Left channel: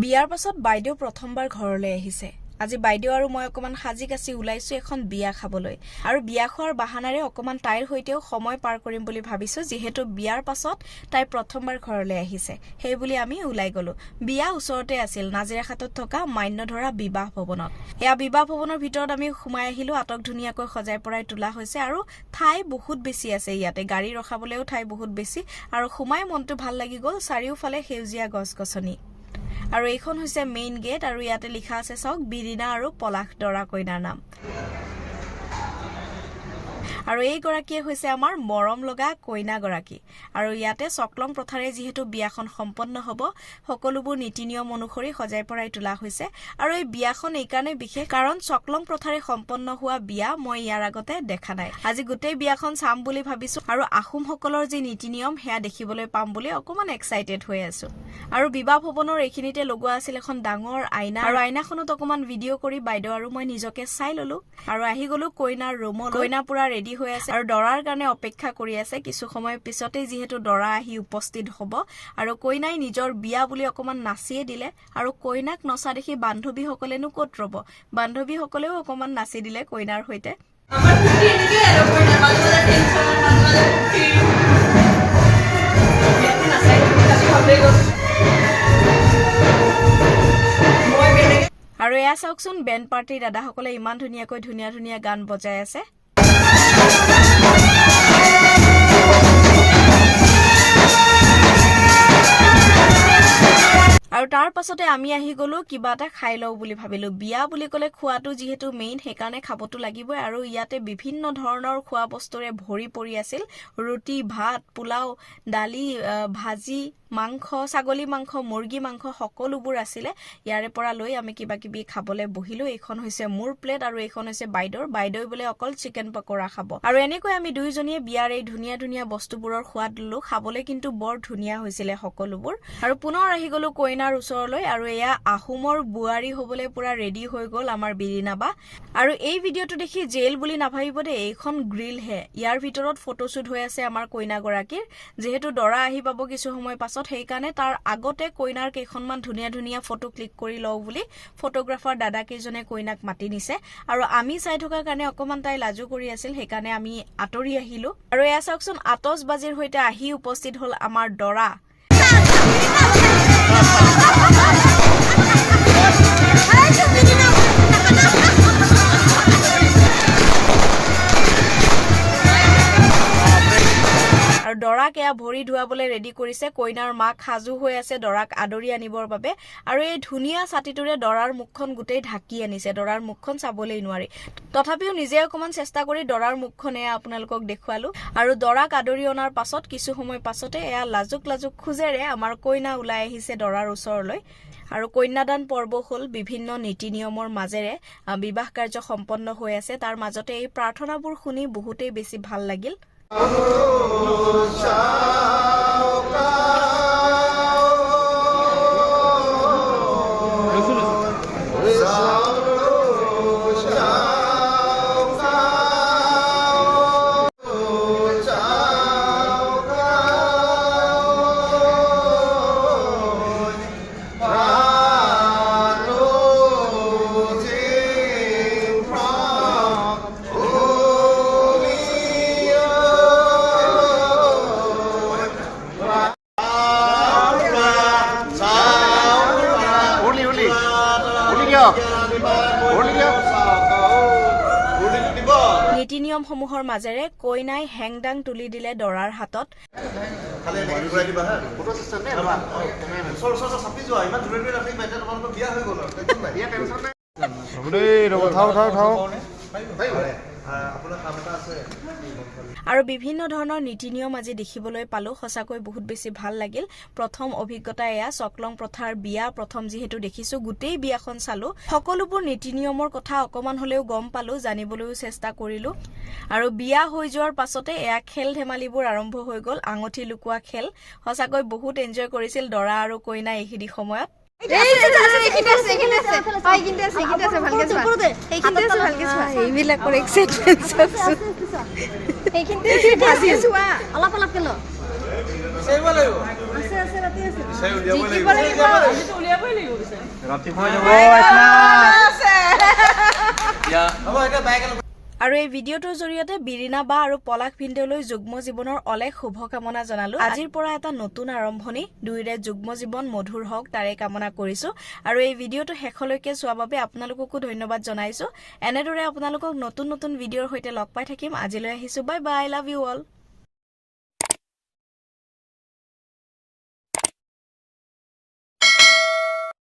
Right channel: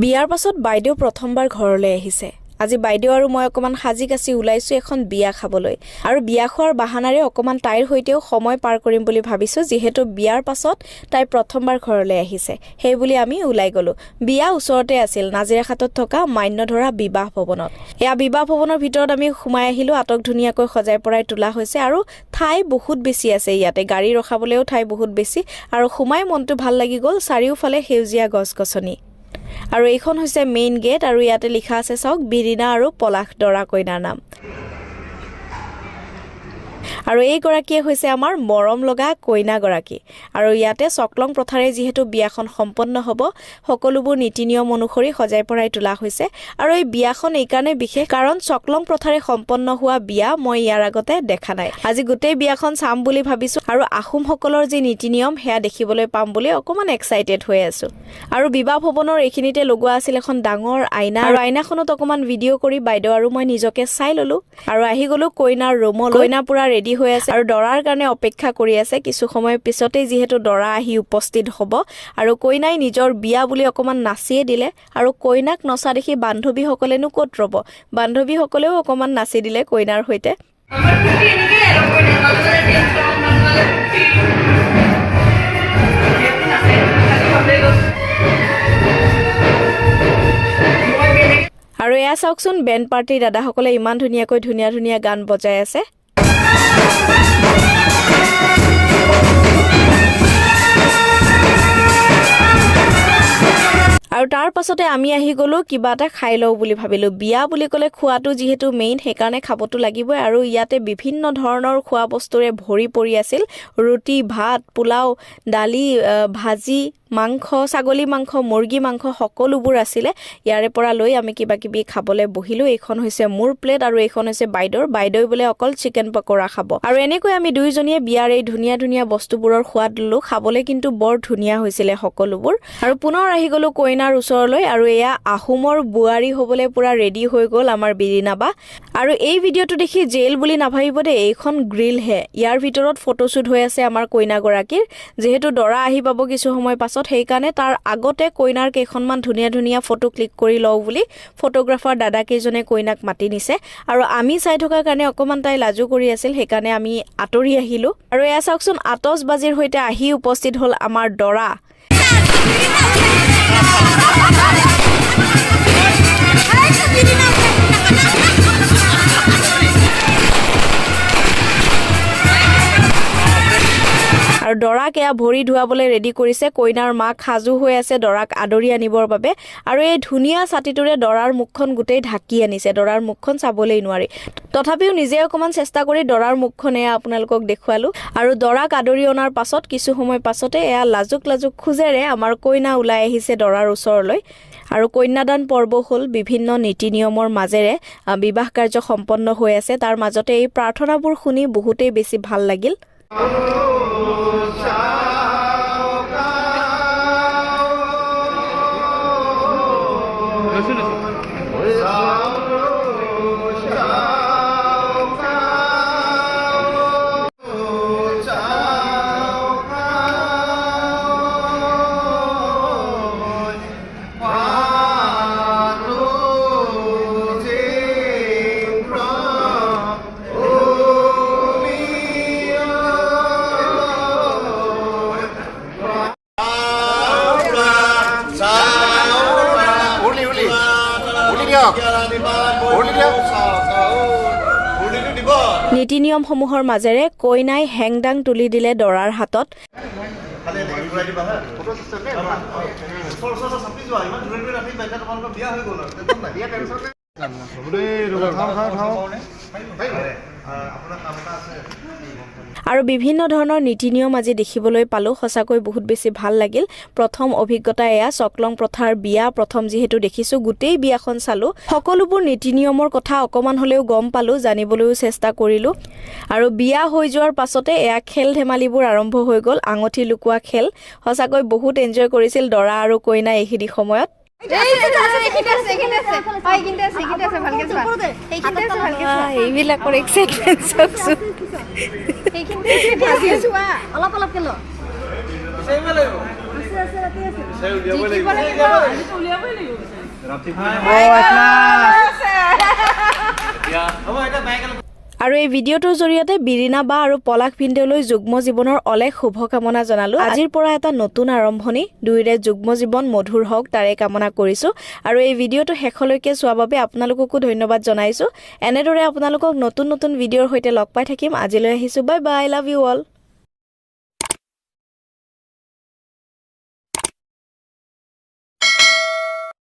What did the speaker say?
বিয়াৰ পাছত বাইদেউ প্ৰথমবাৰ ঘৰলৈ আহিছে। আজি বাইদেউ আৰু মই অকমান সাজি কাচি ওলাইছো এখন বিয়া খাবলৈ আৰু বিয়া খোৱাৰ বাহানাৰে অকমান তাইৰ হৈতেও সময় পাৰ কৰিম বুলি ভাবিছো, যিহেতু বিয়াৰ পাছত তাই প্ৰথমবাৰ ঘৰলৈ আহিছে। সেই বুলি আমি ওলাই গলো। বিয়া ওচৰতে আছিল, নাজিৰাখাটত থকা মান্যধৰা বিবাহ ভৱনত। এয়া বিবাহ ভৱনৰ ভিতৰত আমি সোমাই আহিলো। আটক ধুনীয়াকৈ সজাই পৰাই তোলা হৈছে আৰু ঠাই বহুত বেছি আছে। ইয়াতে গাড়ী ৰখাবলৈও ঠাই বহুত বেছি আৰু সোমাই মনটো ভাল লাগি গ'ল। চাৰিওফালে সেউজীয়া গছ-গছনি আৰু এইখন হৈছে মেইন গেট আৰু ইয়াতে লিখা আছে চাওক বিৰিনা আৰু পলাশ দৰা কইনাৰ নাম। আৰু এই গৰাকীয়ে হৈছে আমাৰ মৰম লগা কইনা গৰাকী। আৰু ইয়াতে চকলং প্ৰথাৰে যিহেতু বিয়াখন সম্পন্ন হ'ব, সকলোবোৰ নীতি নিয়ম অনুসৰি সজাই পৰাই তোলা হৈছে। আৰু এই বিয়াখন এইকাৰণে বিশেষ কাৰণ চকলং প্ৰথাৰে সম্পন্ন হোৱা বিয়া মই ইয়াৰ আগতে দেখা নাই। আজি গোটেই বিয়াখন চাম বুলি ভাবিছো আৰু আহোমসকলৰ যি নীতি নিয়ম সেয়া দেখিবলৈ পাম বুলি অকমান এক্সাইটেড হৈ আছো। আৰু বিবাহ ভৱনৰ এইখিনিতে লগোৱা আছিল এখন ডাঙৰ আইনা আৰু আইনাখনত অকমান ভিডিঅ' কৰি বাইদেউ আৰু মই নিজকে চাই ললো আৰু আহি গলো কইনাৰ ৰুমলৈ। কইনা পুৰা ৰেডি হৈ আছে আৰু দৰাৰ কাৰণে অপেক্ষা কৰি আছে। কিছু সময় পিছতেই যিহেতু দৰা আহি উপস্থিত হ'ব আৰু কইনাই নিজৰ বিয়া বুলি অকমান নাচিয়ে দিলে আৰু কইনাক নচা দেখি বান্ধৱীসকলেনো ক'ত ৰ'ব, বান্ধৱীসকলেও অকমান নাচি দিলে কইনাৰ সৈতে। আৰু এয়া চাওকচোন বেণ্ড পাৰ্টিৰ দাদাসকলে ইমান ধুনীয়াকৈ ধুনীয়া গান বজাই আছে। আৰু তাৰ পাছতে আমি আহি গলো কিবা এটা খাই লওঁ বুলি ভাবিলো। বিয়া বুলি ক'লে খোৱাটো যিহেতু মেইন, সেইকাৰণে খাবতো লাগিবই। আৰু ইয়াতে বিভিন্ন ধৰণৰ খোৱা বস্তুৰে ভৰি পৰি আছিল। ৰুটি, ভাত, পোলাও, দালি, ভাজি, মাংস, ছাগলী মাংস, মুৰ্গী মাংস সকলোবোৰ আছিলে। ইয়াৰে পৰা লৈ আমি কিবা কিবি খাবলৈ বহিলো। এইখন হৈছে মোৰ প্লেট আৰু এইখন হৈছে বাইদেউ বোলে অকল চিকেন পকৰা খাব। আৰু এনেকৈ আমি দুইজনীয়ে বিয়াৰ এই ধুনীয়া বস্তুবোৰৰ সোৱাদ ললো। খাবলৈ কিন্তু বৰ ধুনীয়া হৈছিলে সকলোবোৰ। আৰু পুনৰ আহি গলো কইনাৰ ওচৰলৈ আৰু এয়া আহোমৰ বোৱাৰী হবলৈ পুৰা ৰেডি হৈ গ'ল আমাৰ বিৰিনা বা। আৰু এই ভিডিঅ'টো দেখি জেল বুলি নাভাবিব দেই, এইখন গ্ৰিল হে। ইয়াৰ ভিতৰত ফটোশ্বুট হৈ আছে আমাৰ কইনাগৰাকীৰ। যিহেতু দৰা আহি পাব কিছু সময় পাছত, সেইকাৰণে তাৰ আগতে কইনাৰ কেইখনমান ধুনীয়া ফটো ক্লিক কৰি লওঁ বুলি ফটোগ্ৰাফাৰ দাদা কেইজনে কইনাক মাতি নিছে। আৰু আমি চাই থকাৰ কাৰণে অকমান তাই লাজু কৰি আছিল, সেইকাৰণে আমি আঁতৰি আহিলো। আৰু এয়া চাওকচোন আতচবাজিৰ সৈতে আহি উপস্থিত হ'ল আমাৰ দৰা। আৰু দৰাক এয়া ভৰি ধুৱাবলৈ ৰেডি কৰিছে। কইনাৰ মাক সাজু হৈ আছে দৰাক আদৰি আনিবৰ বাবে। আৰু এই ধুনীয়া ছাতিটোৰে দৰাৰ মুখখন গোটেই ঢাকি আনিছে, দৰাৰ মুখখন চাবলৈ নোৱাৰি। তথাপিও নিজে অকমান চেষ্টা কৰি দৰাৰ মুখখন এয়া আপোনালোকক দেখুৱালো। আৰু দৰাক আদৰি অনাৰ পাছত কিছু সময় পাছতে এয়া লাজুক খোজেৰে আমাৰ কইনা ওলাই আহিছে দৰাৰ ওচৰলৈ। আৰু কন্যাদান পৰ্ব হ'ল বিভিন্ন নীতি নিয়মৰ মাজেৰে বিবাহ কাৰ্য সম্পন্ন হৈ আছে। তাৰ মাজতে এই প্ৰাৰ্থনাবোৰ শুনি বহুতেই বেছি ভাল লাগিল। নীতি নিয়মসমূহৰ মাজেৰে কইনাই হেংদাং তুলি দিলে দৰাৰ হাতত। আৰু বিভিন্ন ধৰণৰ নীতি নিয়ম আজি দেখিবলৈ পালো। সঁচাকৈ বহুত বেছি ভাল লাগিল। প্ৰথম অভিজ্ঞতা এয়া চকলং প্ৰথাৰ বিয়া। প্ৰথম যিহেতু দেখিছো, গোটেই বিয়াখন চালো, সকলোবোৰ নীতি নিয়মৰ কথা অকমান হলেও গম পালো, জানিবলৈও চেষ্টা কৰিলো। আৰু বিয়া হৈ যোৱাৰ পাছতে এয়া খেল ধেমালিবোৰ আৰম্ভ হৈ গ'ল। আঙঠি লুকোৱা খেল। সঁচাকৈ বহুত এনজয় কৰিছিল দৰা আৰু কইনা এইখিনি সময়ত। এইবিলাকৰ এক্সাইটমেণ্ট চাওকচোন। অলপ অলপ কেলো আছে আছে ৰাতি আছে জিকিব লাগিব উলিয়াবই লাগিব আৰু এই ভিডিঅ'টোৰ জৰিয়তে বিৰিনা বা আৰু পলাশ ভিনদেউলৈ যুগ্ম জীৱনৰ অলেখ শুভকামনা জনালো। আজিৰ পৰা এটা নতুন আৰম্ভণি, দুয়োৰে যুগ্ম জীৱন মধুৰ হওক তাৰে কামনা কৰিছো। আৰু এই ভিডিঅ'টো শেষলৈকে চোৱাৰ বাবে আপোনালোককো ধন্যবাদ জনাইছো। এনেদৰে আপোনালোকক নতুন নতুন ভিডিঅ'ৰ সৈতে লগ পাই থাকিম। আজিলৈ আহিছো, bye bye, love you all.